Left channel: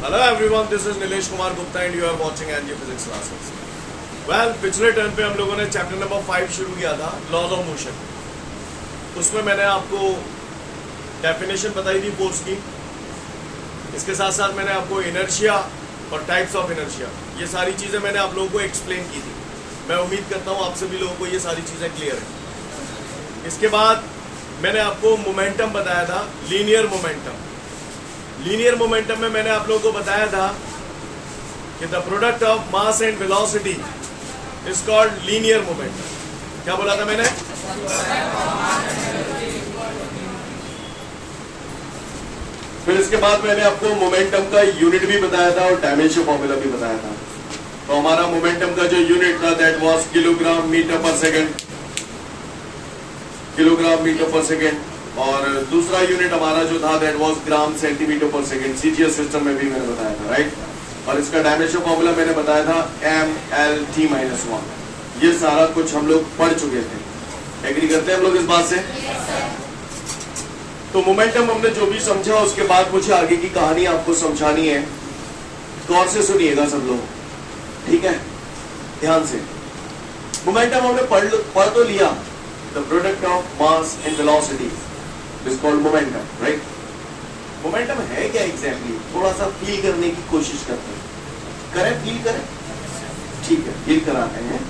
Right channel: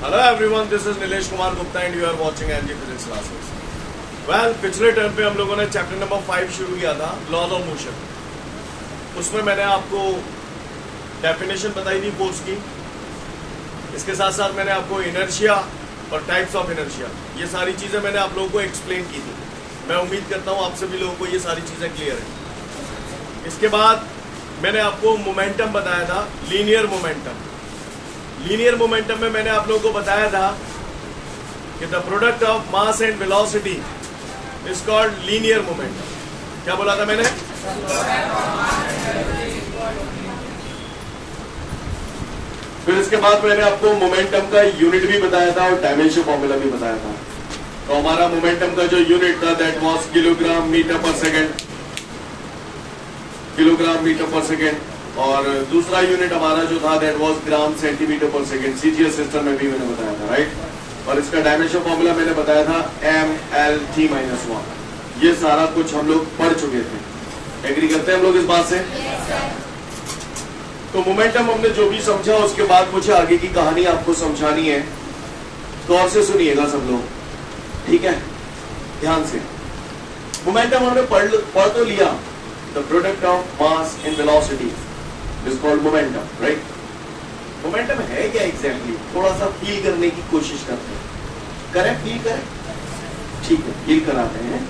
Hello everyone, this is Nilesh Kumar Gupta and you are watching NG Physics Classes. Well, पिछले term पे हम लोगों ने chapter number 5 शुरू किया था, लॉज ऑफ मोशन। उसमें मैंने आपको डेफिनेशन बताई थी फोर्स की। इसके साथ साथ मैंने आपको इनर्शिया और टाइप्स ऑफ इनर्शिया, ये सारी चीजें मैंने आप लोगों को एक्सप्लेन की थी। मैं उम्मीद करता हूँ आप सभी लोगों को ये सारी चीजें क्लियर है। इसके बाद मैंने आपको मोमेंटम बताया था, लीनियर मोमेंटम। लीनियर मोमेंटम में मैंने आप लोगों को बताया था कि the product of mass and velocity is called linear momentum. क्या बोला था मैंने? फिर इसके बाद मैंने आपको मोमेंटम का यूनिट भी बताया था और डायमेंशन फॉर्मूला भी बताया था। तो हमारा मोमेंटम का जो यूनिट था दैट वाज किलोग्राम मीटर पर सेकेंड, किलोग्राम मीटर पर सेकेंड। और दूसरा यूनिट हमारा जो था दैट वाज ग्राम सेंटीमीटर पर सेकेंड। सीजीएस सिस्टम में भी मैंने बताया था, राइट। और इसका डायमेंशन फॉर्मूला मैंने बताया था MLT-1। ये सारा कुछ हम लोग पढ़ चुके थे। एग्री करते हैं हम लोग इस बात से? तो मोमेंटम हमने जो भी समझा, उसके बाद मुझे आगे की कहानी आपको समझानी है। गौर से सुनिएगा सब लोग, ठीक है, ध्यान से। मोमेंटम हमने पढ़ तो लिया। The product of mass and velocity is called momentum, right. Momentum है क्या एग्जैक्टली? थोड़ा सा फील करने की कोशिश करते हैं। करें, फील करें, ठीक है, फील कराते हैं।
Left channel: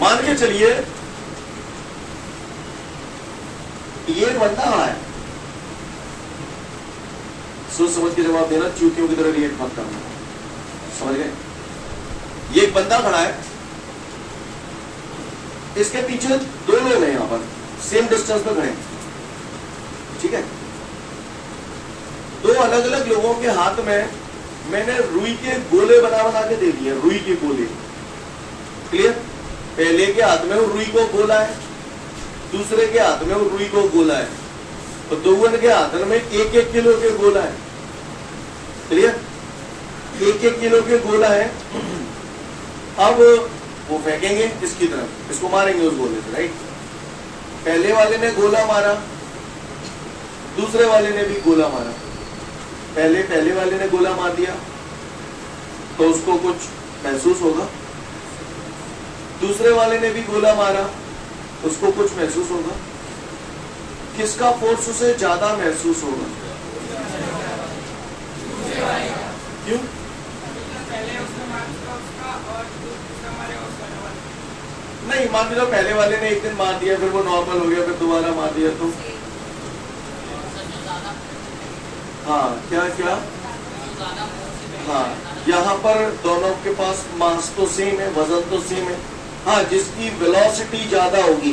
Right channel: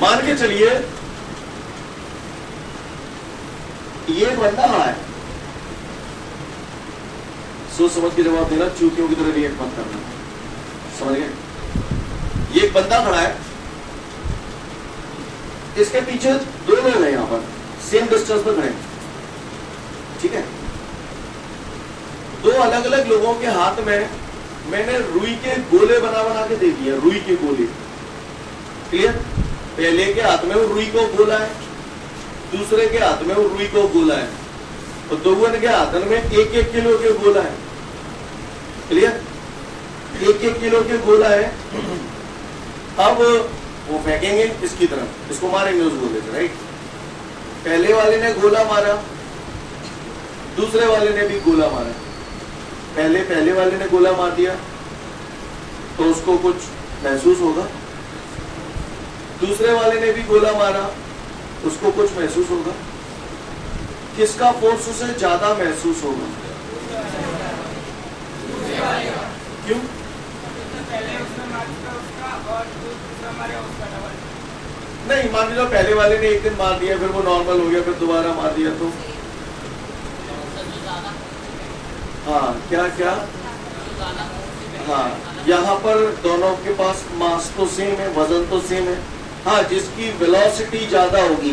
मान के चलिए ये बंदा खड़ा है, सोच समझ के जवाब देना, चूतियों की तरह रिएक्ट मत करना, समझ गए? ये एक बंदा खड़ा है, इसके पीछे दो लोग हैं, यहां पर सेम डिस्टेंस पर खड़े, ठीक है। दो अलग अलग लोगों के हाथ में मैंने रुई के गोले बना के दे दिए, रुई के गोले, क्लियर। पहले के हाथ में वो रुई को गोला है, दूसरे के हाथ में वो रुई को गोला है, तो दोनों के हाथ में 1-1 किलो के गोला है, क्लियर। 1-1 किलो के गोला है। अब वो फेंकेंगे इसकी तरफ, इसको मारेंगे उस गोले से, राइट। पहले वाले ने गोला मारा, दूसरे वाले ने भी गोला मारा। पहले वाले ने गोला मार दिया तो उसको कुछ महसूस होगा, दूसरे वाले ने भी गोला मारा, उसको कुछ महसूस होगा। किसका फोर्स उसे ज्यादा महसूस होगा? क्यों? नहीं, मान लो पहले वाले ने एक दिन मार दिया, फिर वो नॉर्मल हो गया, फिर दोबारा मार दिया तो हाँ, क्या हाँ, यहाँ पर दोनों के पास मास तो सेम है, वजन तो सेम है। हाँ, जिसकी वेलोसिटी ज्यादा होगी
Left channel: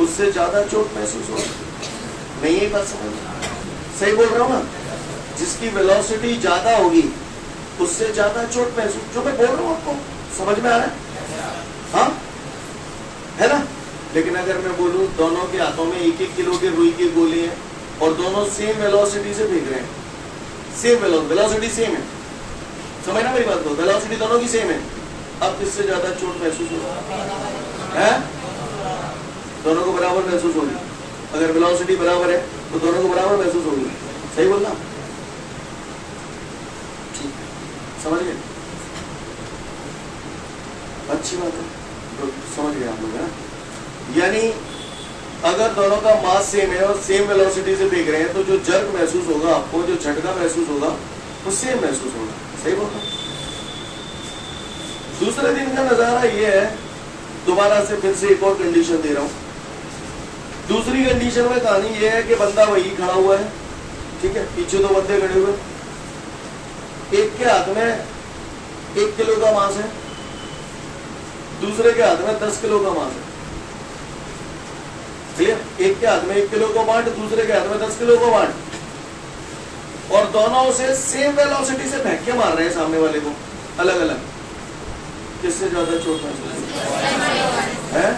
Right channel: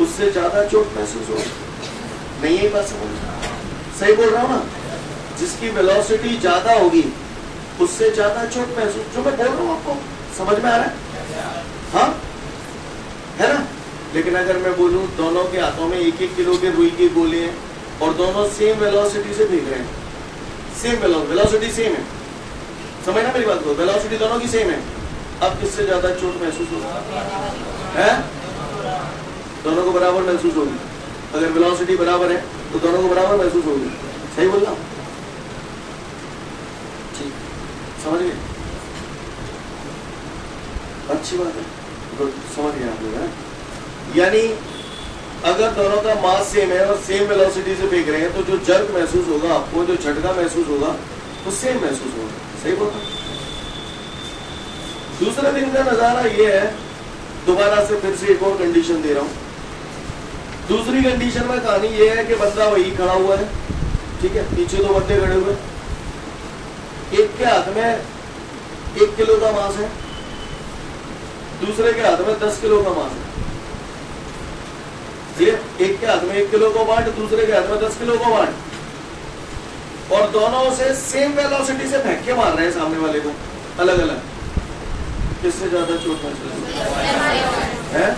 उससे ज्यादा चोट महसूस होगी। नहीं, ये बात समझ, सही बोल रहा हूँ ना? जिसकी वेलोसिटी ज्यादा होगी उससे ज्यादा चोट महसूस, जो मैं बोल रहा हूँ आपको समझ में आ रहा है? हाँ, है ना? लेकिन अगर मैं बोलूं दोनों के हाथों में 1-1 किलो के रुई के गोले हैं और दोनों सेम वेलोसिटी से भेज रहे हैं, सेम वेलोसिटी सेम है, समझ ना मेरी बात को? वेलोसिटी दोनों की सेम है। अब किससे ज्यादा चोट महसूस होगी? है? दोनों को बराबर महसूस होगी। अगर वेलोसिटी बराबर है तो दोनों को बराबर महसूस होगी। सही बोलना? ठीक, समझ गए? अच्छी बात है, तो समझ गए आप लोग, है? यानी अगर दोनों का मास सेम है और सेम वेलोसिटी से फेंक रहे हैं तो जो जर्क महसूस होगा आपको, जो झटका महसूस होगा, वो सेम महसूस होगा। सही बोलते हैं? दूसरे दिन का नजारा ये है, दोबारा से फिर से एक और कंडीशन दे रहा हूं। दूसरी कंडीशन में कहानी ये है कि बंदा वही खड़ा हुआ है, ठीक है, पीछे दो बंदे खड़े हुए, एक के हाथ में 1 किलो का मास है, दूसरे के हाथ में 10 किलो का मास है। एक के हाथ में 1 किलो को बांट, दूसरे के हाथ में 10 किलो को बांट, और दोनों उसे सेम वेलोसिटी से फेंक के मार रहे हैं सामने वाले को, अलग अलग। किससे ज्यादा चोट महसूस है?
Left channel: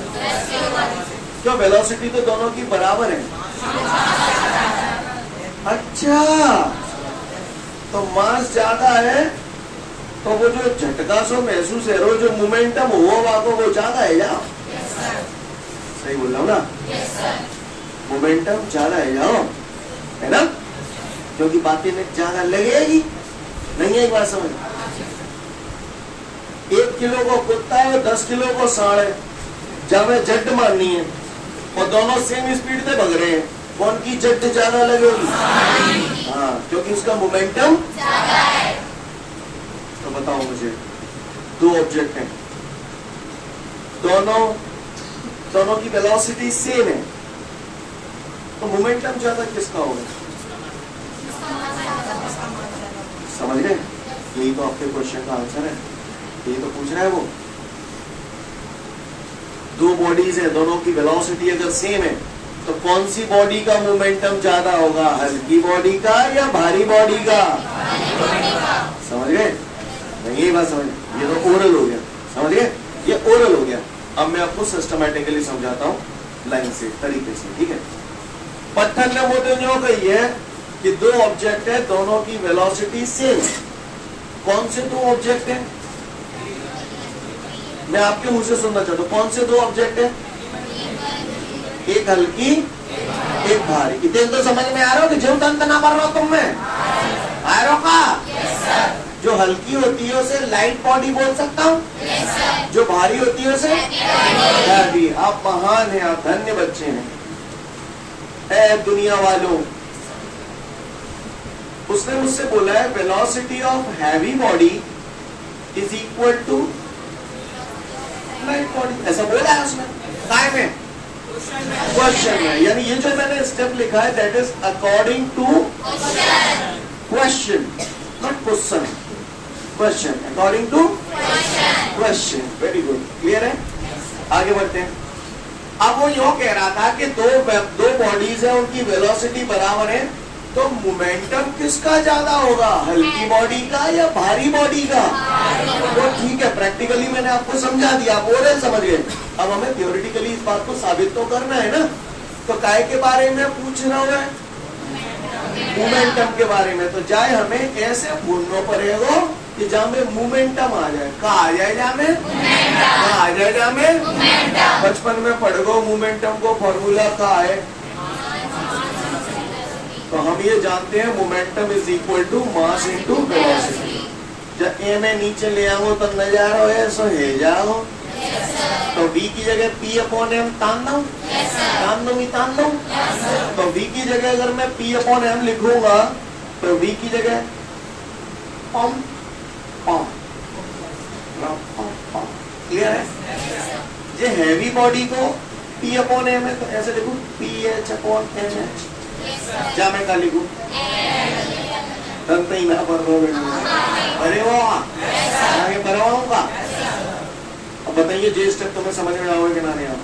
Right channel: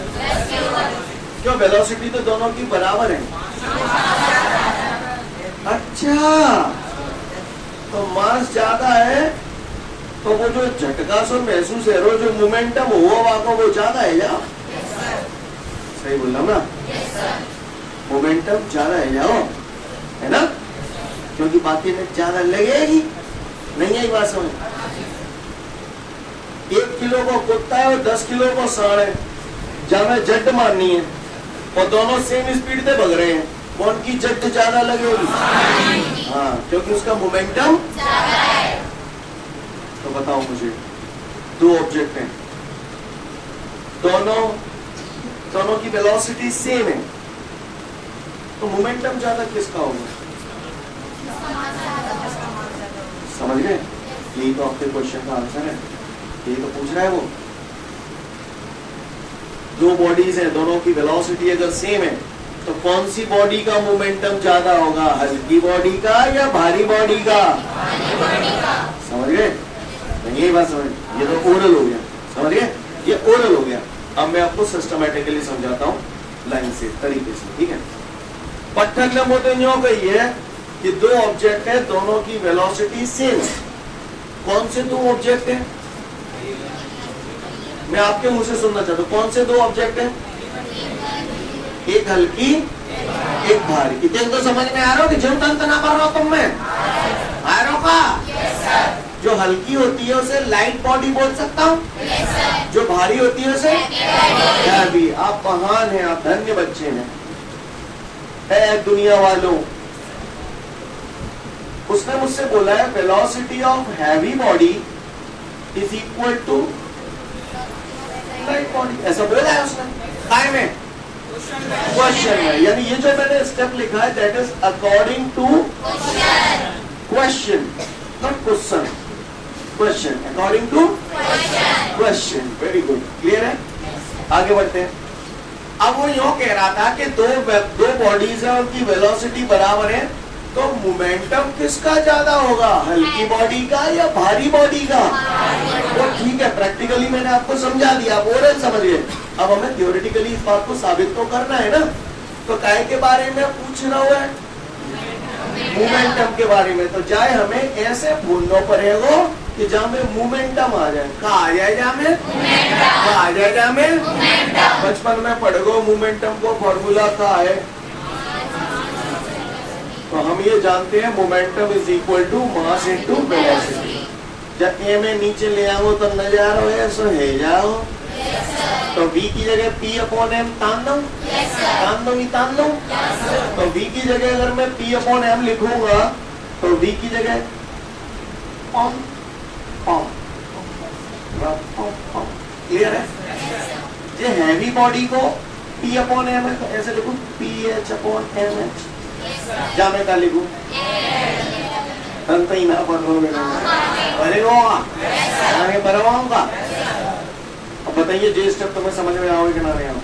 क्या वेलोसिटी तो दोनों की बराबर है? अच्छा, तो मास ज्यादा है तो वो जो झटका सो महसूस है, वो जो मोमेंटम हुआ वो ज्यादा है या? सही बोल रहा हूँ ना? मोमेंटम ज्यादा है, जाओ, है ना? क्योंकि बाकी में ज्यादा लगेगी। नहीं आई बात समझ? 1 किलो को कुत्ता है और 10 किलो को सांड है, जब हमें जट मारनी है और दोनों सेम स्पीड से भग रहे हैं, कौन की जट ज्यादा लगेगी? हाँ, क्योंकि उसका मोमेंटम ज्यादा है। तो बताओ मुझे, 2 ऑब्जेक्ट हैं, दोनों की वेलोसिटी सेम है, तो मोमेंटम ज्यादा किसका होगा? समझ गए? यही तो आपके क्वेश्चन का आंसर है, यही तो पूछ रहा है वो। 2 बॉडीज है, दोनों की वेलोसिटी अगर सेम है, तो कौन सी बॉडी का मोमेंटम ज्यादा होगा? हल्की बॉडी का या भारी बॉडी का? समझ गए? यही बात समझ। ये तो ओरल हो गया, समझ गए? ये ओरल हो गया। अब मैं आपको सिस्टमैटिकली समझाता हूँ लाइन से, तरीके से, ठीक है? पत्थर ने मोटे न्यो कही है कि 2 ऑब्जेक्ट है, दोनों की वेलोसिटी सेम है। कौन से 2 ऑब्जेक्ट है? मैं आपके मुंह से सुनना चाहता हूँ, कौन से 2 ऑब्जेक्ट है? एक हल्की, एक भारी। इतने तो समझ में आ रहा हो कि जो तंत्र ना कर रहा हो तुम में आ रहा का? जो हल्की होती है उसे लाइट बॉडी बोल सकता हूँ, जो भारी होती है उसे हैवी। आप महान हैं, आप धन्य बच्चे हैं। ऐ दुनिया वालों, उसने मुझसे बोला है velocity of heavy body is equal to light body, ऐसा बोला है उसने। काय में? क्वेश्चन में। यानी ये जो मैंने स्टेप लिखा है that is according to question, not question, question, according to question. Very good, clear है? आगे बढ़ते हैं। अब वो यूं कह रहा था कि दो बॉडीज है, उनकी वेलोसिटी बराबर है, तो मोमेंटम किसका ज्यादा होगा? हल्की बॉडी का या भारी बॉडी का? तो ठीक है, प्रैक्टिकली मैंने आपको समझा दिया, आप ओरल समझ गए। अब हमें थ्योरेटिकली इस बात को साबित तो करना है ना। तो काय के बारे में पूछ रहा है? मोमेंटम के बारे में। तो जाए हमें ऐसे भूलना पड़ेगा कि जहाँ में मोमेंटम आ जाए। कहा आ जाए? जहाँ में आ जाए, जहाँ में बचपन में पढ़ गो मोमेंटम को फॉर्मूला का है। तो हम ये जानते हैं momentum is equal to mass into velocity. जब ए में नीचे ले आओ तो नजारा हो ऐसा है जाओ, तो v की जगह p अपॉन एम तान दो, तान दो। तो v की जगह अगर मैं p अपॉन एम लिखूंगा तो v की जगह पम पम, क्लियर है? ये हैवी बॉडी को p अपॉन एम है, तो ऐसे लिखूं ph अपॉन एम एच। जा मैं क्या लिखूं? ही ना पर अरे वो आगे बढ़ाऊंगा। अब बताइए जे स्टेप तुम्हें समझ में आओगे कि ना नहीं आओ?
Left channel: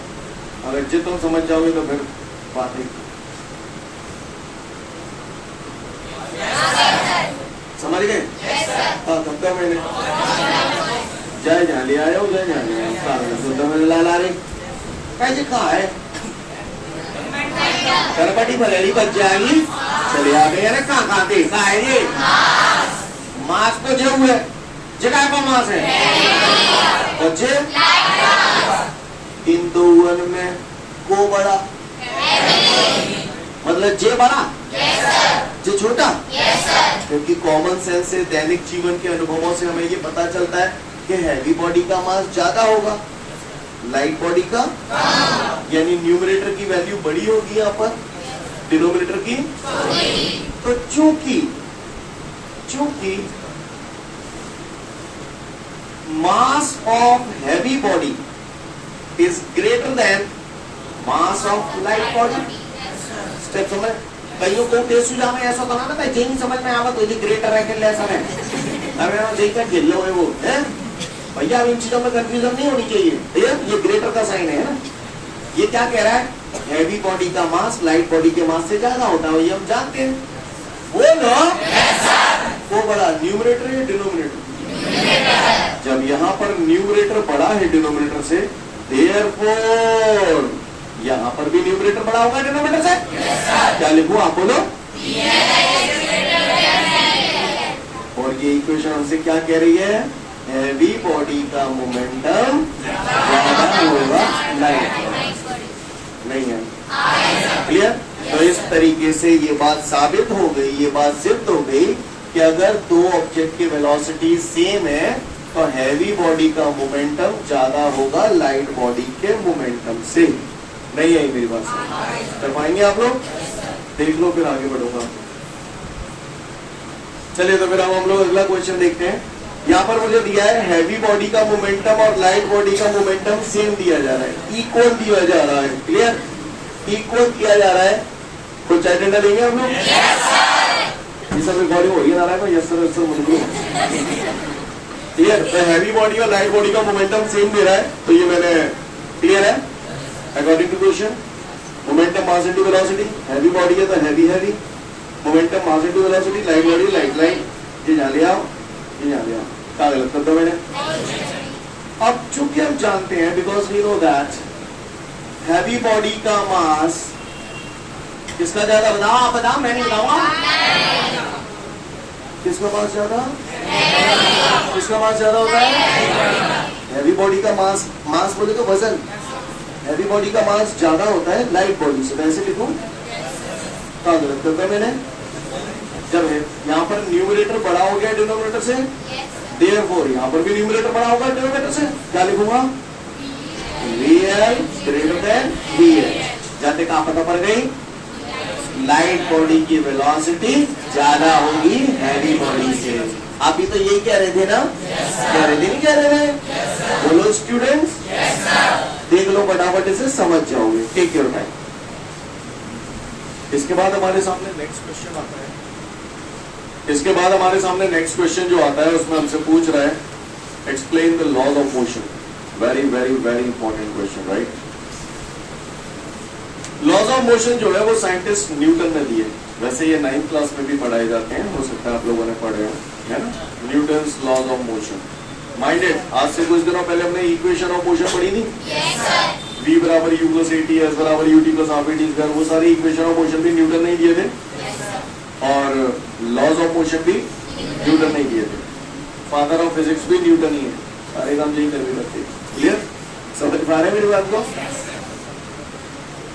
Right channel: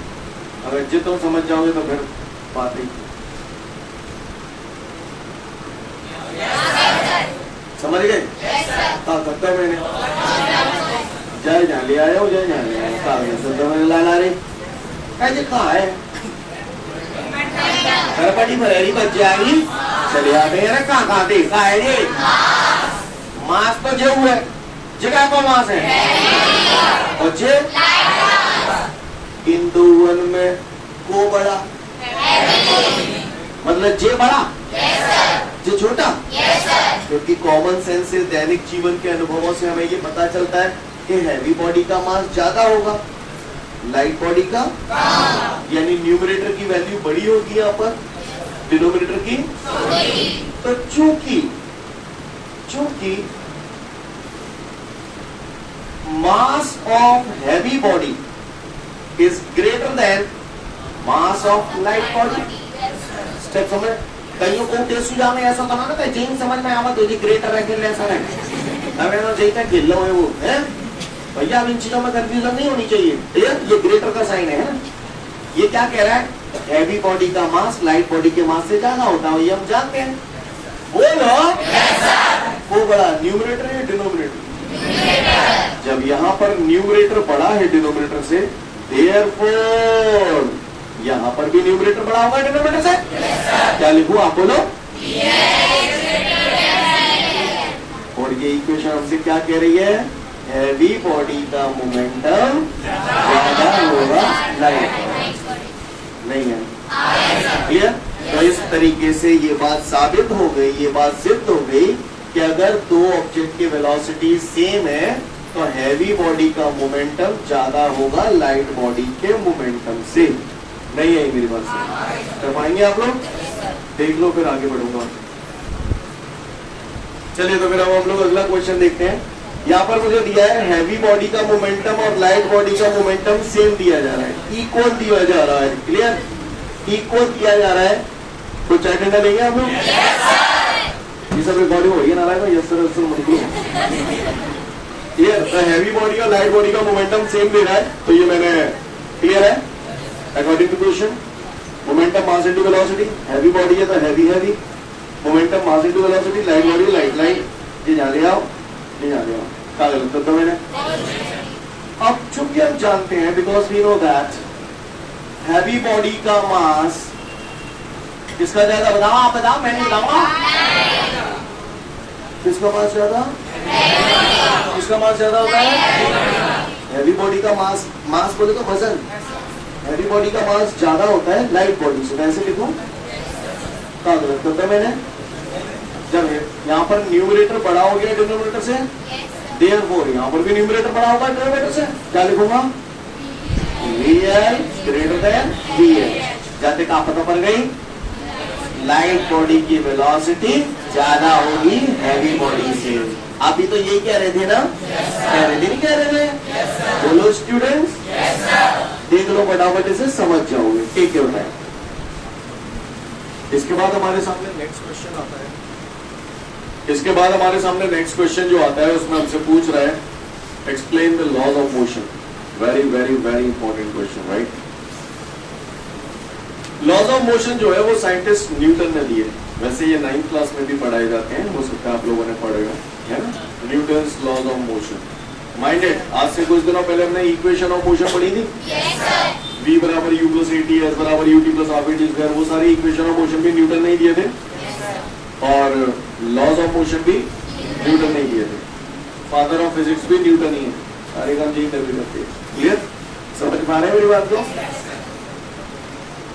अगर जो तुम समझ जाओगे तो फिर बात ही। समझ गए? हाँ करते हो मैंने जय जान लिया आया हो, जय जान लिया ला रही कैसे कहा है करपटी भरेरी बच जाएगी। चले आ गए ना, कहाँ देखा है ये? मास तो जे हुए जगह को मास है और जे इन दोनों में को बड़ा, मतलब जे बड़ा जे छोटा। क्योंकि कॉमन सेंस से, दैनिक जीवन के अनुभवों से हमें ये पता चलता है कि हैवी बॉडी का मास ज्यादा होगा, लाइट बॉडी का, यानी न्यूमरेटर की वैल्यू बड़ी होगी यहाँ पर, डिनोमिनेटर की। तो चूंकि mass of heavy body is greater then mass of light body. Step समझ? कहीं को टेस्ट सुझाव में ऐसा बनाना था, जिन समझ में आवा तो ये ग्रेटर है कि लेसर है, अगर जैसा खेल लो है वो है भैया। अब इन चीजों में कंफ्यूजन नहीं होनी चाहिए। ये ग्रेटर का साइन है ना। ये क्या कह रहा है? हैवी बॉडी का मास लाइट बॉडी के मास से ज्यादा होता है, ये हम जानते हैं। बोलो वो बड़ा न्यूमरेटर है डिनोमिनेटर? जब यहाँ पर न्यूमरेटर बड़ा है डिनोमिनेटर से, देयरफॉर यहाँ पर भी न्यूमरेटर बड़ा होगा डिनोमिनेटर से। क्या लिखूं आप बोलो? और ये इक्वेशन हमसे क्या कह रही है? हैवी बॉडी का मोमेंटम ज्यादा होगा लाइट नहीं है। क्लियर? तो इस तरीके से ये बात साबित हो गई, ये बात सिद्ध हो गई कि अगर दो ऑब्जेक्ट की वेलोसिटी सेम है तो हैवी बॉडी का मोमेंटम ज्यादा होगा लाइट बॉडी के मोमेंटम से। नहीं आई मेरी बात से? कर पाएंगे आप लोग? देख लो फिर आगे बढ़ूंगा। चलिए तो फिर अब हम लोग अगला क्वेश्चन देखते हैं। यहाँ पर मुझे दिया है हैवी बॉडी का मोमेंटम और लाइट बॉडी का मोमेंटम सेम दिया जा रहा है, इक्वल दिया जा रहा है। क्लियर? इक्वल किया जा रहा है। कुछ अटेंडर लेंगे हम लोग? ये सब रिकॉर्डिंग हो गया नारायण भाई? यस सर मुझे ये हैवी बॉडी और लाइट बॉडी का मोमेंटम सेम दे रहा है, तो ये मैंने क्लियर है according to question. Momentum mass into velocity, heavy body है तो heavy heavy, momentum mass into velocity, light body light light. ये जान लिया आओ, ये जान लिया क्या गलत कर दो मैंने। अब चूंकि हम जानते हैं, because we know that heavy body का मास किसका ज्यादा, बताओ आप बताओ, मैं नहीं बताऊंगा। किसका मास ज्यादा? किसका मास ज्यादा होता है? हैवी बॉडी का मास, मास बोले तो वजन, हैवी बॉडी का मास ज्यादा होता है लाइट बॉडी से। कैसे लिखूं? क्या गलत करता है मैंने? जब यहाँ पर न्यूमरेटर बड़ा हो गया डिनोमिनेटर से, देयरफॉर यहाँ पर भी न्यूमरेटर बड़ा होगा डिनोमिनेटर से। क्या लिखूंगा? VL greater than VH। जाते का पता पड़ गई, लाइट बॉडी की वेलोसिटी ज्यादा होगी हैवी बॉडी से। आप भी तो यही कह रहे थे ना? कह रहे थे नहीं कह रहे थे? बोलो स्टूडेंट्स। देख लो फटाफट इसे समझ जाओगे। Take your time. इसके बाद हमारे सामने नेक्स्ट क्वेश्चन आता है। इसके बाद हमारे सामने नेक्स्ट क्वेश्चन जो आता है उसमें हमसे पूछ रहा है explain the laws of motion. Very very very important question, right? Laws of motion जो है वो साइंटिस्ट न्यूटन ने दिए। वैसे ये 9th क्लास में भी पढ़ाए जाते हैं, हो सकता है आप लोगों ने पढ़े है ना, Newton's laws of motion. Minded, आज से कुछ दिनों पहले हमने इक्वेशन ऑफ मोशन पढ़ी थी। V बराबर U प्लस AT, S बराबर UT प्लस RPT स्क्वायर, वो सारी इक्वेशन ऑफ मोशन भी न्यूटन ने दिए थे और लॉज ऑफ मोशन भी न्यूटन ने दिए थे। फादर ऑफ फिजिक्स भी न्यूटन ही है, सारे काम यही कर भी करते। क्लियर? समझ पा रहे हैं मेरी बात को?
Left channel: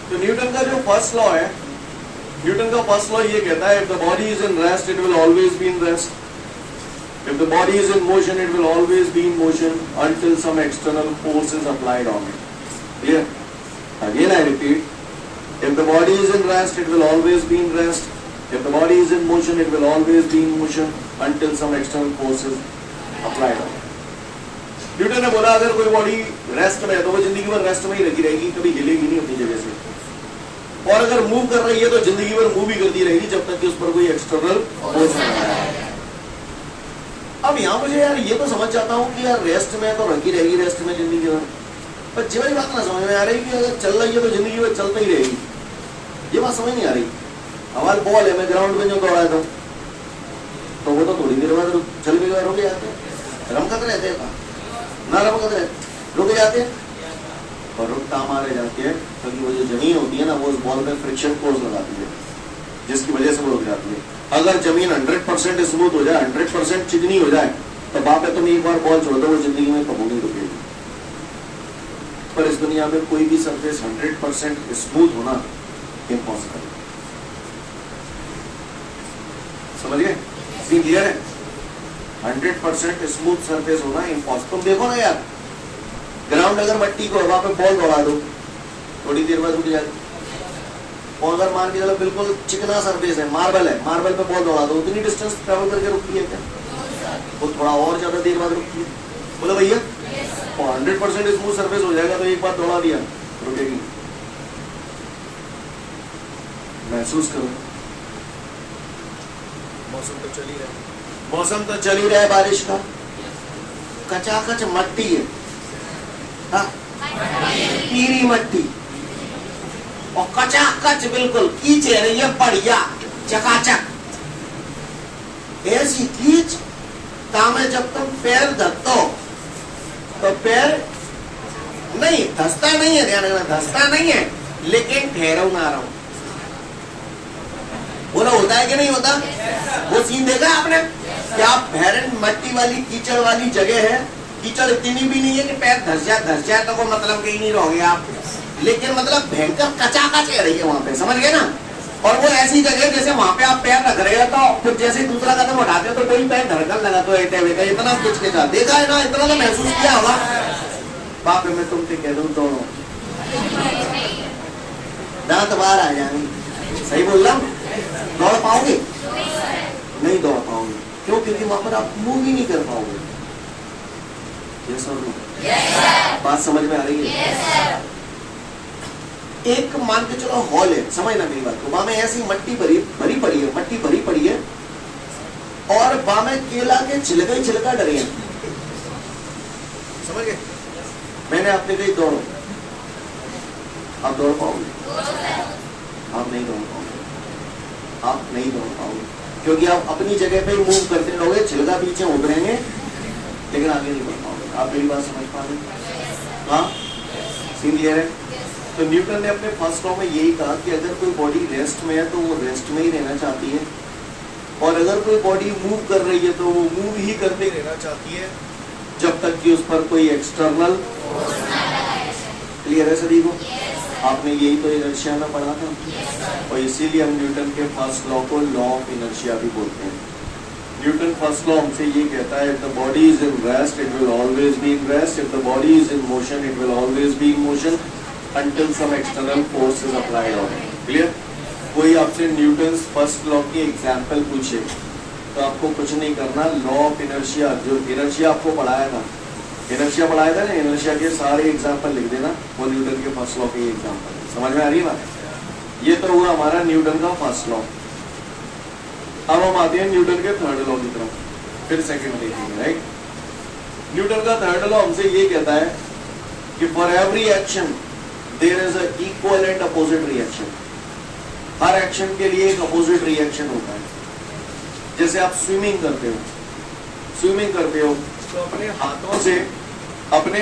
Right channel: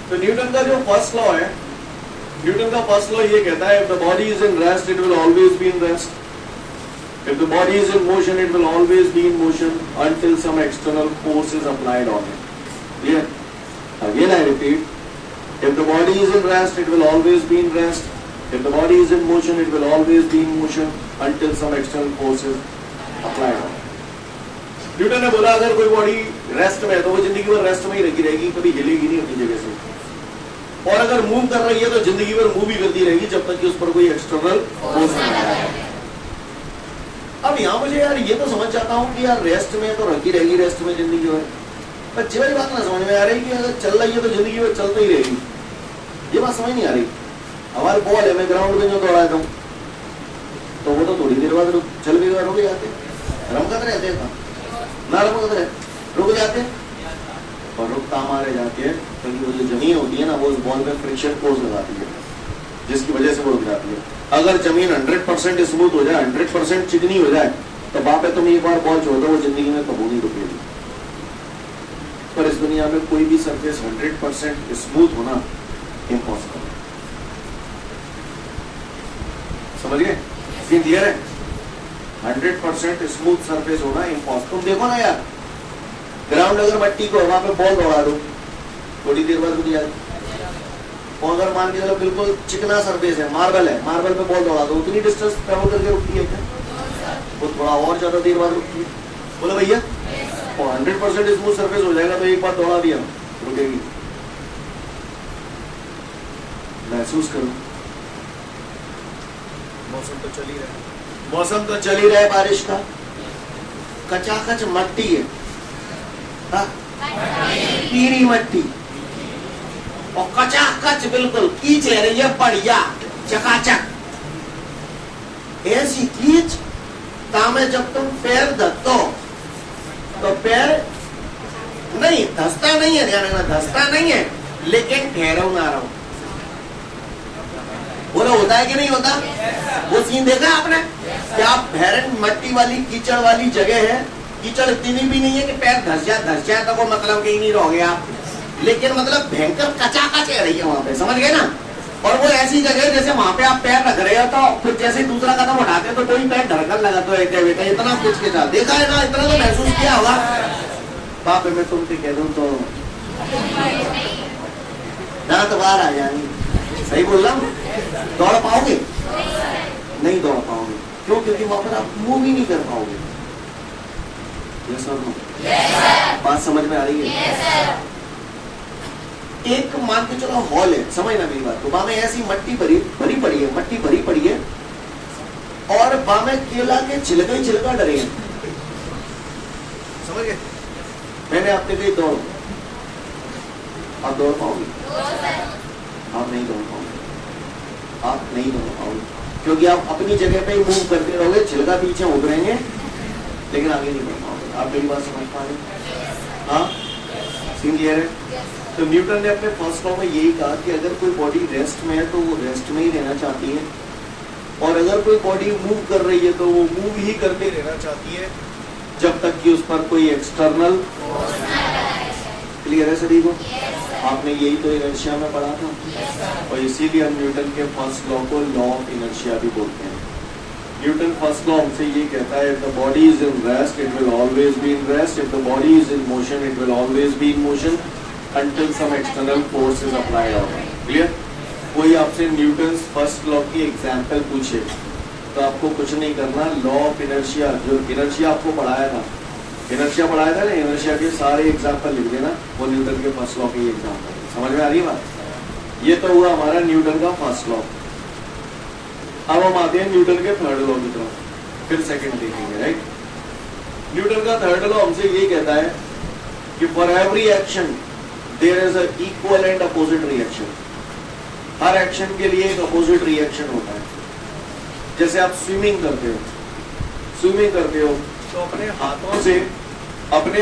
तो न्यूटन का जो फर्स्ट लॉ है, न्यूटन का फर्स्ट लॉ ये कहता है, if the body is in rest it will always be in rest, if the body is in motion it will always be in motion until some external force is applied on it. Clear? Again I repeat, if the body is in rest it will always be in rest, if the body is in motion it will always be in motion until some external force is applied on it. Newton ने बोला अगर कोई body rest में है तो वो जिंदगी भर रेस्ट में ही लगी रहेगी, कभी हिलेगी नहीं अपनी जगह से, और अगर मूव कर रही है तो जिंदगी भर मूव ही करती रहेगी जब तक कि उस पर कोई एक्सटर्नल फोर्स नहीं आए। अब यहां मुझे यार ये तो समझ जाता हूं कि यार रेस्ट में तो रखी रहेगी, रेस्ट में जिंदगी भर, पर जी वाली बात ना समझ में आ रही कि अगर चल रही है तो जिंदगी भर चलती ही रहेगी। ये बात समझ नहीं आ रही। हमारे बॉल है, मैं ग्राउंड में जो दौड़ा था तो वो तो थोड़ी देर बाद चल भी रुक जाते, रमकत रहते हैं ना, रमकत रहते रुक जाते, और रुकता हमारे जाती है क्योंकि वो जो जमीन होती है ना वो उस बॉल में फ्रिक्शन फोर्स लगाती है जिसकी वजह से वो रुक जाती है। अगर जमीन 100% स्मूथ हो जाए, 100% चिकनी हो जाए, तो बाप है तुम एक बार बॉल छोड़ दो वो जिंदगी में कभी नहीं रुकेगी। पर इस दुनिया में कोई भी सरफेस 100% स्मूथ होना इम्पॉसिबल है। समझ गए? क्लियर है? 100% स्मूथ सरफेस होना इम्पॉसिबल। तुम देखो ना यार, ग्राउंड अगर मट्टी को हवा में बॉल दौड़ा दो थोड़ी देर बाद रुक जाए, और अगर मान के चलो बिल्कुल चिकना सरफेस है, मार्बल है, मार्बल पे बॉल दौड़ा दो उतनी डिस्टेंस ट्रेवल करके रुकती है क्या? वो थोड़ा और ज्यादा देर बाद रुकती है। बोलो भैया, और 100% स्मूथ सरफेस हो जाएगा तो एक बार दौड़ा दिया रुकेगी। महसूस करो, मौसम तो चल ही रहा है, मौसम तो चल ही रहा है बारिश का, कचाकच मट्टी है, पीरी मट्टी, और कचाकच बिल्कुल कीच रही है बढ़िया चकाचक। ऐसी कीच तामे जब तुम पैर धसो तो पैर नहीं धसता नहीं है, ध्यान रखना, धसता नहीं है, लेकिन ठहरो ना रहो। बोला होता है कि नहीं होता? वो सीन देखा आपने? क्या भैरन मट्टी वाली कीचड़ वाली जगह है, कीचड़ इतनी भी नहीं है कि पैर धस जाए तो वो मतलब कहीं नहीं रहोगे आप, लेकिन मतलब भयंकर कचाकच रही है वहां पे। समझ गए ना? और वो ऐसी जगह जैसे वहां पे आप पैर रख रहे हो तो फिर जैसे ही दूसरा कदम उठाते हो तो कोई पैर धड़कन लगा तो बेटा इतना किचकिचा देखा है ना, इतना तो महसूस किया होगा। बाप मैं तुमसे कह दूं तो दांत बाहर आ जाएंगे। सही बोल रहा हूं? दौड़ पाओगे? नहीं दौड़ पाओगे। क्यों? क्योंकि वहां पर आप मूव ही नहीं कर पाओगे। ये सब बात समझ में आ रही है? एक मान के चलो हॉल है, समझना मेरी बात को, वहां में ऐसी मट्टी भरी पड़ी है, मट्टी भरी पड़ी है और वहां में केला के छिलका डरे हैं। समझ गए? मैंने आपने कही दौड़ो, आप दौड़ पाओगे? आप नहीं दौड़ पाओगे। आप नहीं दौड़ पाओगे क्योंकि आप अपनी जगह पे ही मूव करते रहोगे, छिलका पीछे उभरेंगे लेकिन आगे नहीं बढ़ पाओगे। आप मेरी बात समझ पा रहे? हाँ, सीन क्लियर है? तो न्यूटन ने अपने फर्स्ट लॉ में यही कहा कि अगर कोई बॉडी रेस्ट में है तो वो रेस्ट में ही रहना चाहती है, और अगर कोई बॉडी मूव कर रही है तो वो मूव ही करते रहना चाहती है जब तक कि उस पर कोई एक्सटर्नल। क्लियर है सभी को? आपने यही तो इनर्शिया में पढ़ा था, और इसीलिए हम न्यूटन के फर्स्ट लॉ को लॉ ऑफ इनर्शिया भी बोलते हैं। न्यूटन फर्स्ट लॉ हमसे ये कहता है, if the body is in rest it will always be in rest, if the body is in motion it will always be in motion until some external force is applied on it. Clear? कोई आपसे Newton first law की example पूछे तो आपको कुछ नहीं करना, law of inertia, जो इनर्शिया आपको पढ़ाया था, इनर्शिया पढ़ाया था ना, इनर्शिया के सारे एग्जांपल लिख देना, वो न्यूटन के फर्स्ट लॉ के एग्जांपल। समझ में आ रही है बात? ये तो हुआ हमारा न्यूटन का फर्स्ट लॉ। अब हम आते हैं न्यूटन के थर्ड लॉ की तरफ, फिर सेकंड देखेंगे। राइट? न्यूटन का थर्ड लॉ हमसे ये कहता है कि for every action there is a equal and opposite reaction. हर एक्शन के लिए एक अपोजिट रिएक्शन होता है। जैसे आप स्विमिंग करते हो तो अपने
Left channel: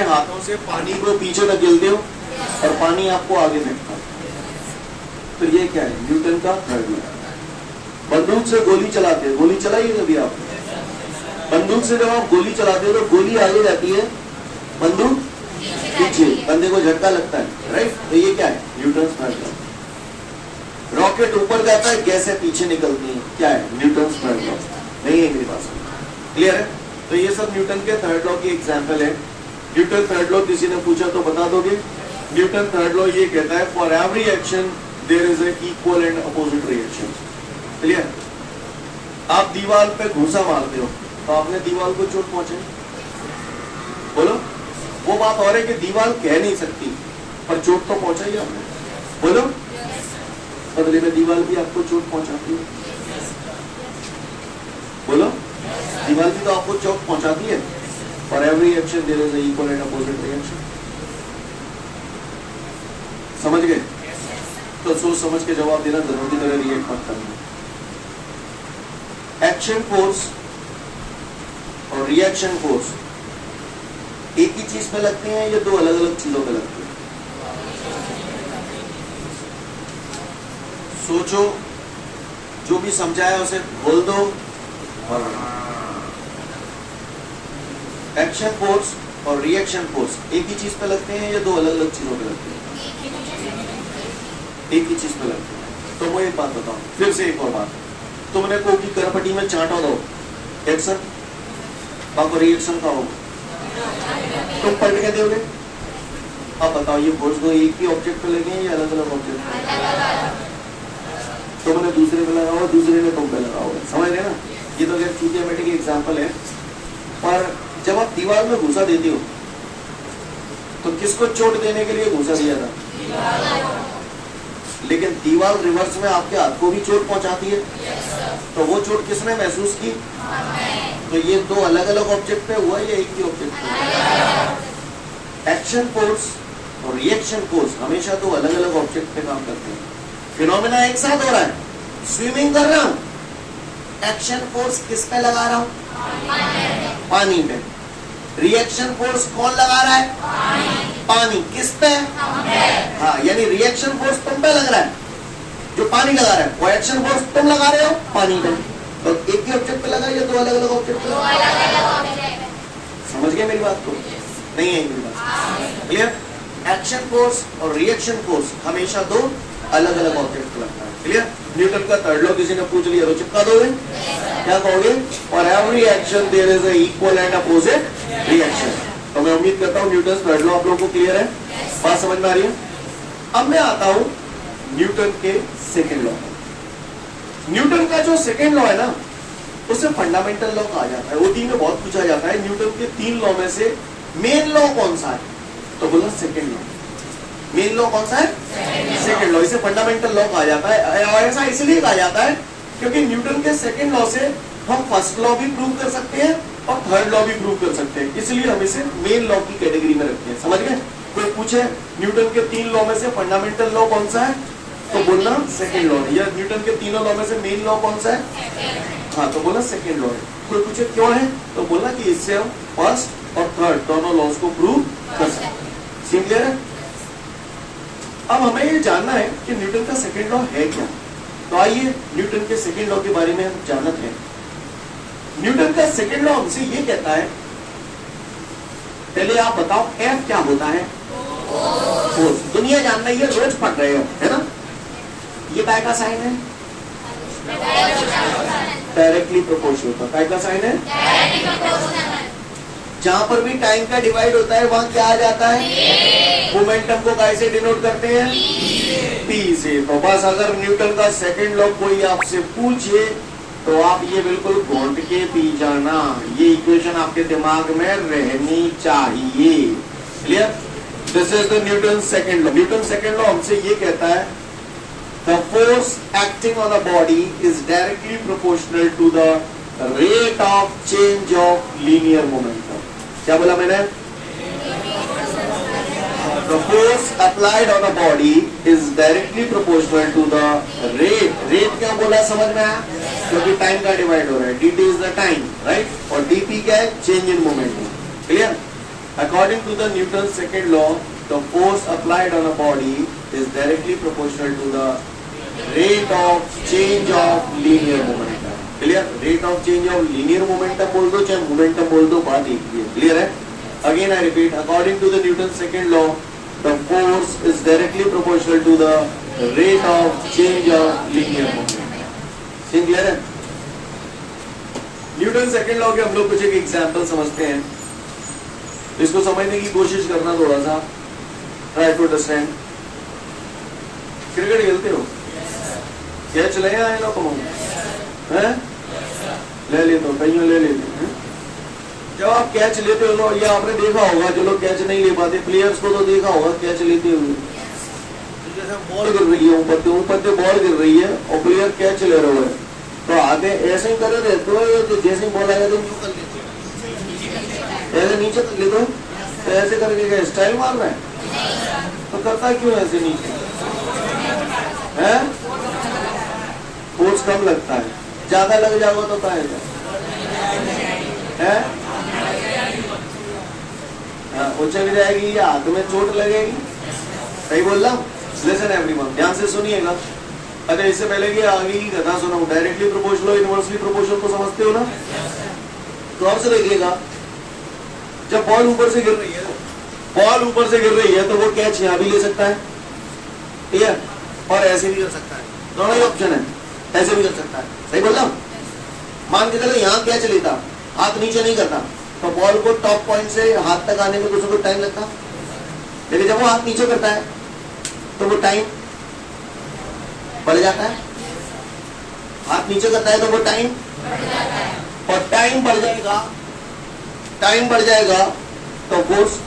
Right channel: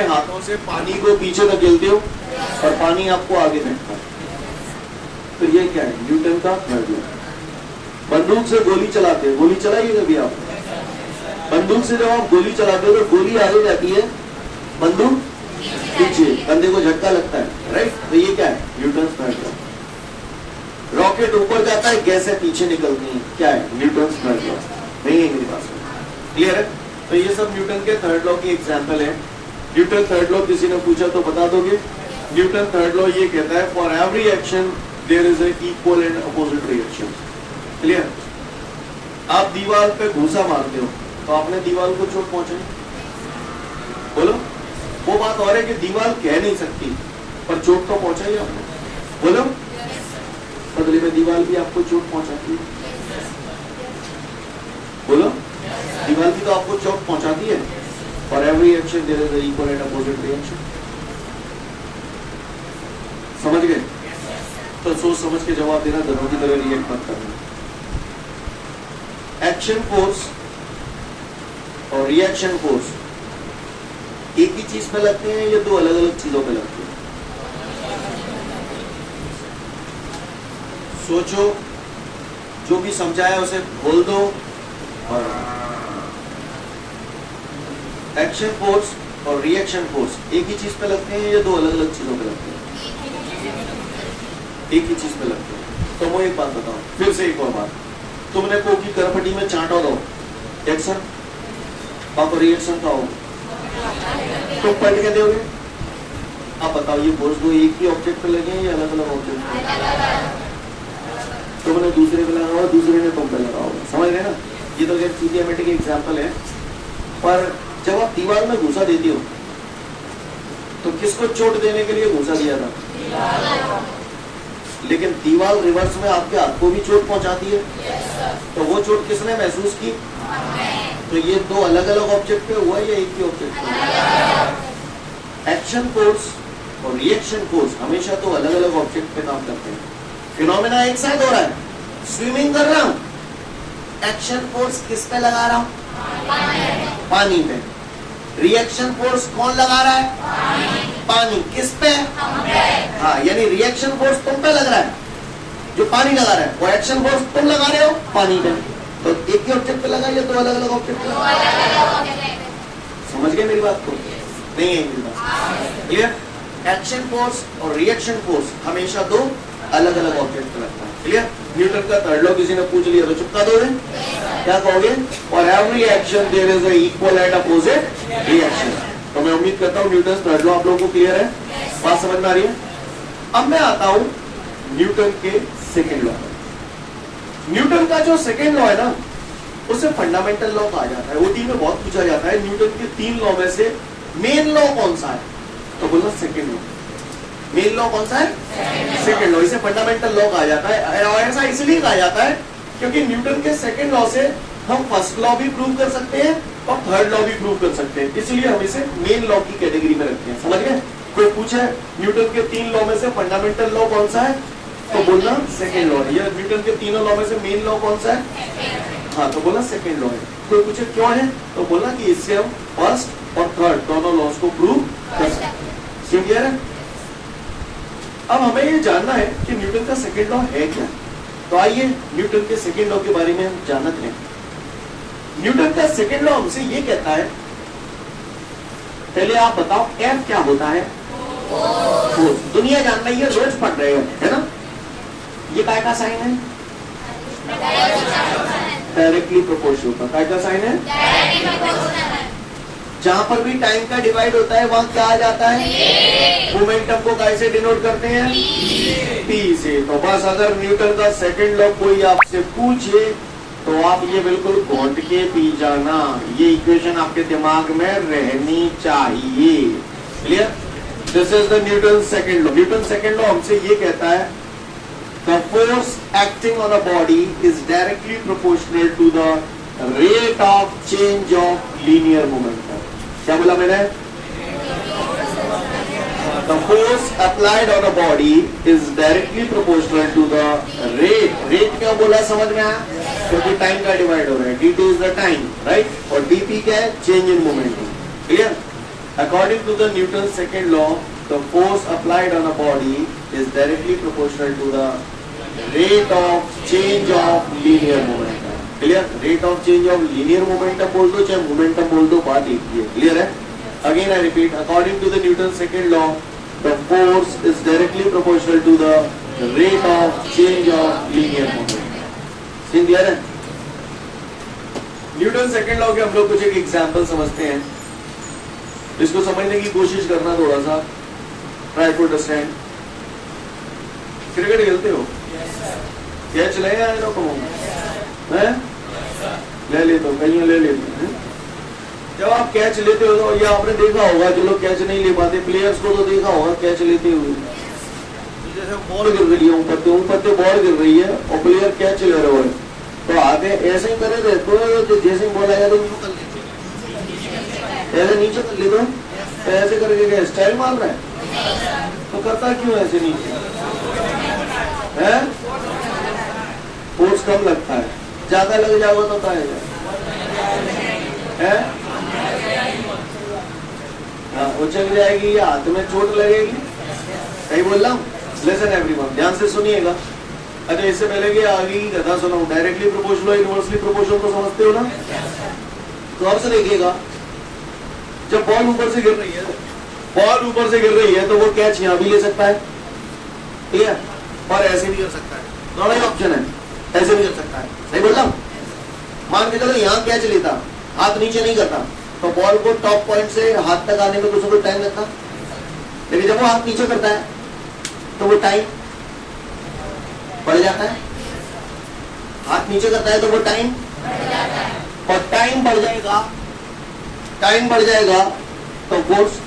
हाथों से पानी को पीछे धकेलते हो और पानी आपको आगे फेंकता है। तो ये क्या है? न्यूटन का थर्ड लॉ। बंदूक से गोली चलाते हो, गोली चलाइए कभी आप? बंदूक से जब आप गोली चलाते हो तो गोली आगे जाती है, बंदूक पीछे, बंदे को झटका लगता है। राइट? तो ये क्या है? Newton third law. रॉकेट ऊपर जाता है, गैसें पीछे निकलती हैं, क्या है? Newton third law. नहीं है मेरे पास? क्लियर है? तो ये सब न्यूटन के थर्ड लॉ की एग्जाम्पल है। न्यूटन थर्ड लॉ किसी ने पूछा तो बता दोगे? न्यूटन थर्ड लॉ ये कहता है for every action there is an equal and opposite reaction. Clear? आप दीवार पे घूसा मारते हो तो आपने दीवार को चोट पहुंचे, बोलो। वो बात और है कि दीवार कह नहीं सकती पर चोट तो पहुंचाई आपने, बोलो। बदले में दीवार भी आपको चोट पहुंचाती है, बोलो। दीवार भी तो आपको चोट पहुंचाती है। For every action there is equal and opposite reaction. समझ गए? तो सोच समझ के जवाब देना, दोनों की तरह रिएक्ट मत करना। एक्शन फोर्स और रिएक्शन फोर्स एक ही चीज पे लगती हैं या दो अलग अलग चीजों पे लगती हैं? सोचो, जो भी समझाया उसे बोल दो। एक्शन फोर्स और रिएक्शन फोर्स एक ही चीज पे लगते हैं या दो अलग अलग चीजों पे लगते हैं? एक ही चीज पे लगते हैं। तो मैं एक बात बताऊं, फिर से एक और बात। तुमने कोकी करपटी में चांटा दो, एक्शन का रिएक्शन का होगा, तुम पलट के दोगे। अब बताओ ये फोर्स को एक ही ऑब्जेक्ट पे लगे हैं या अलग अलग ऑब्जेक्ट पे? तुमने दूसरे पे लगाओ, दूसरे ने तुम पे लगाओ। समझ रहे ना? ये तो खैर थ्योरेटिक एग्जांपल है, पर जब आप दीवार में घूसा देते हो तो किसको चोट देने के लिए घूसा दिया था? लेकिन दीवार रिवर्स में आपके हाथ को भी चोट पहुंचाती है। तो वो चोट किसने महसूस की? तो ये दो अलग अलग ऑब्जेक्ट पे हुआ या एक ही ऑब्जेक्ट पे? एक्शन फोर्स और रिएक्शन फोर्स हमेशा दो अलग अलग ऑब्जेक्ट पे काम करते हैं। फिनोमेना एक साथ हो रहा है। स्विमिंग कर रहा हूं, एक्शन फोर्स किस पे लगा रहा हूं? पानी पे। रिएक्शन फोर्स कौन लगा रहा है? पानी। किस पे? हाँ, यानी रिएक्शन फोर्स तुम पे लग रहा है, जो पानी लगा रहा है, वो एक्शन फोर्स तुम लगा रहे हो पानी पे। तो एक ही ऑब्जेक्ट पे लगा या दो अलग अलग ऑब्जेक्ट पे लगा? समझ गए मेरी बात को? नहीं है मेरी बात? क्लियर? एक्शन फोर्स और रिएक्शन फोर्स हमेशा दो अलग अलग ऑब्जेक्ट पे लगता है। क्लियर? न्यूटन का थर्ड लॉ किसी ने पूछ लिया तो चिपका दोगे? क्या कहोगे? For every action there is a equal and opposite reaction. तो मैं उम्मीद करता हूँ न्यूटन थर्ड लॉ आप लोगों को क्लियर है, बात समझ में आ रही है। अब मैं आता हूं न्यूटन के सेकेंड लॉ। न्यूटन का जो सेकेंड लॉ है ना, उसे फंडामेंटल लॉ कहा जाता है। ओटी में बहुत पूछा जाता है न्यूटन के 3 लॉ में से मेन लॉ कौन सा है, तो बोलना सेकेंड लॉ। मेन लॉ कौन सा है? Second law. इसे फंडामेंटल लॉ कहा जाता है। और ऐसा इसलिए कहा जाता है क्योंकि न्यूटन के सेकेंड लॉ से हम फर्स्ट लॉ भी प्रूव कर सकते हैं और थर्ड लॉ भी प्रूव कर सकते हैं, इसलिए हम इसे मेन लॉ की कैटेगरी में रखते हैं। समझ गए? कोई पूछे न्यूटन के 3 लॉ में से फंडामेंटल लॉ कौन सा है, तो बोलना सेकेंड लॉ है। या न्यूटन के तीनों लॉ में से मेन लॉ कौन सा है, हाँ, तो बोलना सेकेंड लॉ है। कोई पूछे क्यों है, तो बोलना कि इससे हम फर्स्ट और थर्ड दोनों लॉस को प्रूव कर सकते हैं। समझ गया है? अब हमें ये जानना है कि न्यूटन का सेकेंड लॉ है क्या। तो आइए न्यूटन के सेकेंड लॉ के बारे में हम जानते हैं। न्यूटन का सेकेंड लॉ हमसे ये कहता है, पहले आप बताओ एफ क्या होता है? फोर्स। दुनिया जान रही है, रोज पढ़ रहे हो, है ना। ये काय का साइन है? डायरेक्टली प्रोपोर्शनल का। काय का साइन है? जहां पर भी टाइम का डिवाइड होता है वहां क्या आ जाता है? मोमेंटम को कैसे डिनोट करते हैं? पी से। तो बस अगर न्यूटन का सेकंड लॉ कोई आपसे पूछे तो आप ये बिल्कुल घोंट के पी जाना। ये इक्वेशन आपके दिमाग में रहनी चाहिए। Clear? This is the Newton second law. Newton second law हमसे ये कहता है the force acting on the body is directly proportional to the rate of change of linear momentum. क्या बोला मैंने? The force applied on a body is directly proportional to the rate. Rate क्यों बोला समझ में आया? क्योंकि टाइम का डिवाइड हो रहा है। dt is the time, right? और dp क्या है? Change in momentum. Clear? According to the Newton's second law, the force applied on a body is directly proportional to the rate of change of linear momentum. Clear? Rate of change of linear momentum बोल दो चाहे momentum बोल दो, बात एक ही है। Clear है? Again I repeat, according to the Newton's second law, the force is directly proportional to the rate of change of linear momentum. Seem clear है? न्यूटन सेकेंड लॉ के हम लोग कुछ एक एग्जाम्पल समझते हैं, इसको समझने की कोशिश करना थोड़ा सा। Try to understand. क्रिकेट खेलते हो? कैच ले आए लोग हैं? ले लेते हो, कहीं ले लेते हैं। जब आप कैच लेते हो तो ये आपने देखा होगा, जो लोग कैच नहीं ले पाते प्लेयर्स को तो देखा होगा कैच लेते हुए। जैसे बॉल गिर रही है ऊपर से बॉल गिर रही है और प्लेयर कैच ले रहे हो, तो आगे ऐसे ही करे थे तो जैसे ही बॉल आएगा तो यूं कर लेते हो, ऐसे नीचे कर लेते हो, तो ऐसे करके क्या स्टाइल मार रहा है? तो करता है क्यों ऐसे नीचे? है फोर्स कम लगता है, ज्यादा लग जाओगे तो पाएगा है, वो चली जाएगी या हाथ में चोट लगेगी। सही बोल रहा हूँ? लिसन एवरीवन, ध्यान से सुनिएगा। अच्छा, इससे पहले कि आगे की कथा सुनो, डायरेक्टली प्रोपोर्शनल इनवर्सली प्रोपोर्शनल तो समझते हो ना? तो और से देखिएगा, जब बॉल ऊपर से गिर रही है, बॉल ऊपर से गिर रही है तो वो कैच यहाँ भी ले सकता है, ठीक है, और ऐसे भी कर सकता है। दोनों ही ऑप्शन है, ऐसे भी कर सकता है। सही बोल रहा हूँ? मान के चलो यहाँ कैच लेता, हाथ नीचे नहीं करता, तो बॉल को टॉप पॉइंट से हाथ तक आने में कुछ टाइम लगता, लेकिन जब वो हाथ नीचे करता है तो वो टाइम बढ़ जाता है। हाथ नीचे करता है तो वो टाइम, और टाइम बढ़ जाएगा, टाइम बढ़ जाएगा तो फोर्स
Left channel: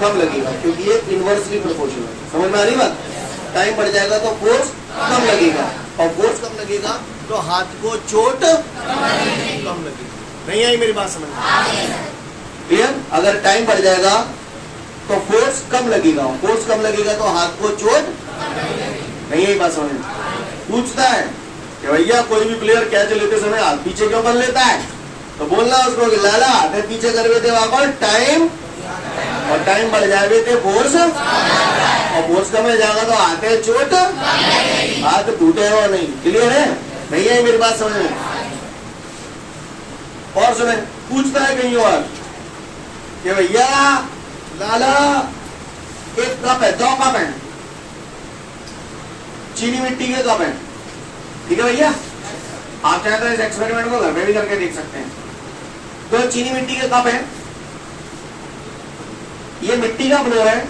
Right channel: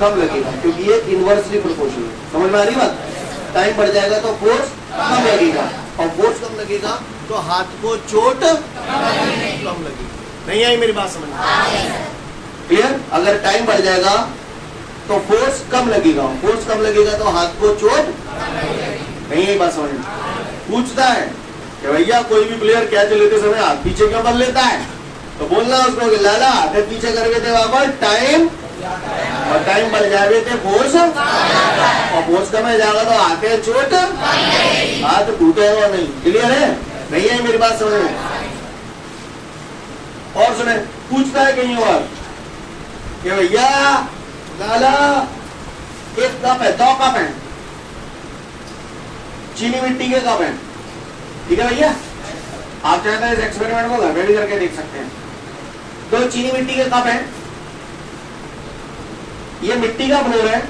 कम लगेगा, क्योंकि ये इनवर्सली प्रोपोर्शनल है। समझ में आ रही बात? टाइम बढ़ जाएगा तो फोर्स कम लगेगा, और फोर्स कम लगेगा तो हाथ को चोट कम लगेगी। नहीं आई मेरी बात समझ में? क्लियर? अगर टाइम बढ़ जाएगा तो फोर्स कम लगेगा, फोर्स कम लगेगा तो हाथ को चोट नहीं आई बात समझ में? पूछता है कि भैया कोई भी प्लेयर कैच लेते समय हाथ पीछे क्यों कर लेता है, तो बोलना उसको कि लाला हाथ पीछे कर देते वापस टाइम, और टाइम बढ़ जाए थे फोर्स, और फोर्स कम हो जाएगा तो हाथ चोट, हाथ टूटेगा नहीं। क्लियर है? नहीं है मेरी बात समझ में? और सुने, पूछता है कहीं और कि भैया लाला एक कप है, 2 कप है, चीनी मिट्टी के कप है, ठीक है भैया, आप चाहे तो इस एक्सपेरिमेंट को घर में भी करके देख सकते हैं। तो चीनी मिट्टी के कप है, ये मिट्टी का फ्लोर है,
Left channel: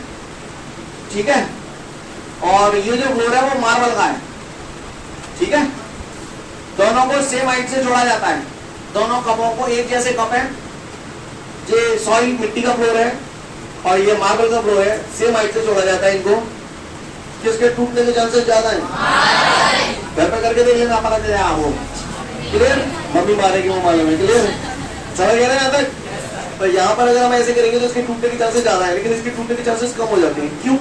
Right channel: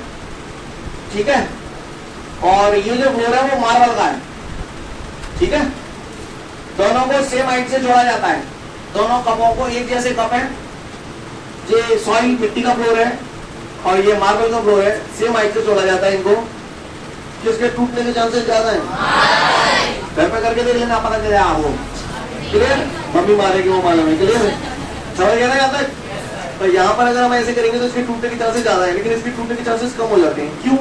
ठीक है, और ये जो फ्लोर है वो मार्बल का है, ठीक है। दोनों को सेम हाइट से जोड़ा जाता है, दोनों कपों को एक जैसे कप है, ये सॉइल मिट्टी का फ्लोर है और ये मार्बल का फ्लोर है, सेम हाइट से जोड़ा जाता है इनको। किसके टूटने के चांसेस ज्यादा है? घर पे करके देख लेना, पता चले आपको। क्लियर? मम्मी मारेगी वो मालूम है। क्लियर? समझ गया ना यहाँ तक? तो यहाँ पर अगर हम ऐसे करेंगे तो इसके टूटने के चांसेस ज्यादा है, लेकिन इसके टूटने के चांसेस कम हो जाते हैं। क्यों?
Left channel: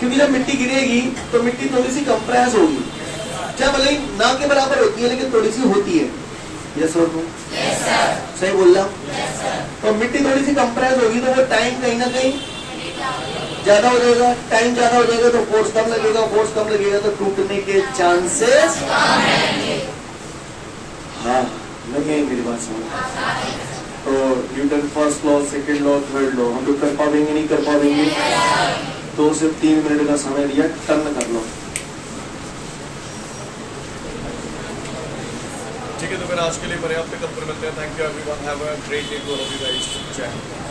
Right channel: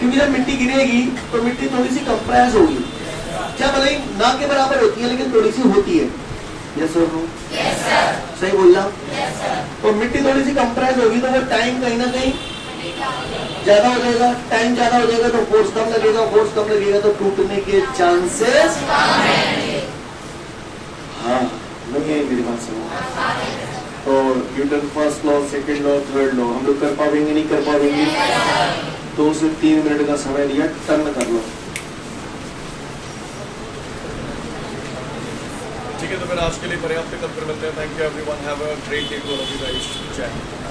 क्योंकि जब मिट्टी गिरेगी तो मिट्टी थोड़ी सी कंप्रेस होगी, चाहे भले ना के बराबर होती है लेकिन थोड़ी सी होती है। Yes sir? सही बोल रहा हूँ? तो मिट्टी थोड़ी सी कंप्रेस होगी तो वो टाइम कहीं ना कहीं ज्यादा हो जाएगा, टाइम ज्यादा हो जाएगा तो फोर्स कम लगेगा, फोर्स कम लगेगा तो टूटने के चांसेस। हाँ, नहीं है मेरी बात सुनो। तो Newton first law, second law, third law हम लोग कर पाएंगे नहीं कर पाएंगे? 2 से 3 मिनट का समय लिया, टर्न कर लो। ठीक है, तो फिर आज के लिए पर्याप्त है, कल फिर मिलते हैं। Thank you everyone, have a great day to all of you guys. जय हिंद।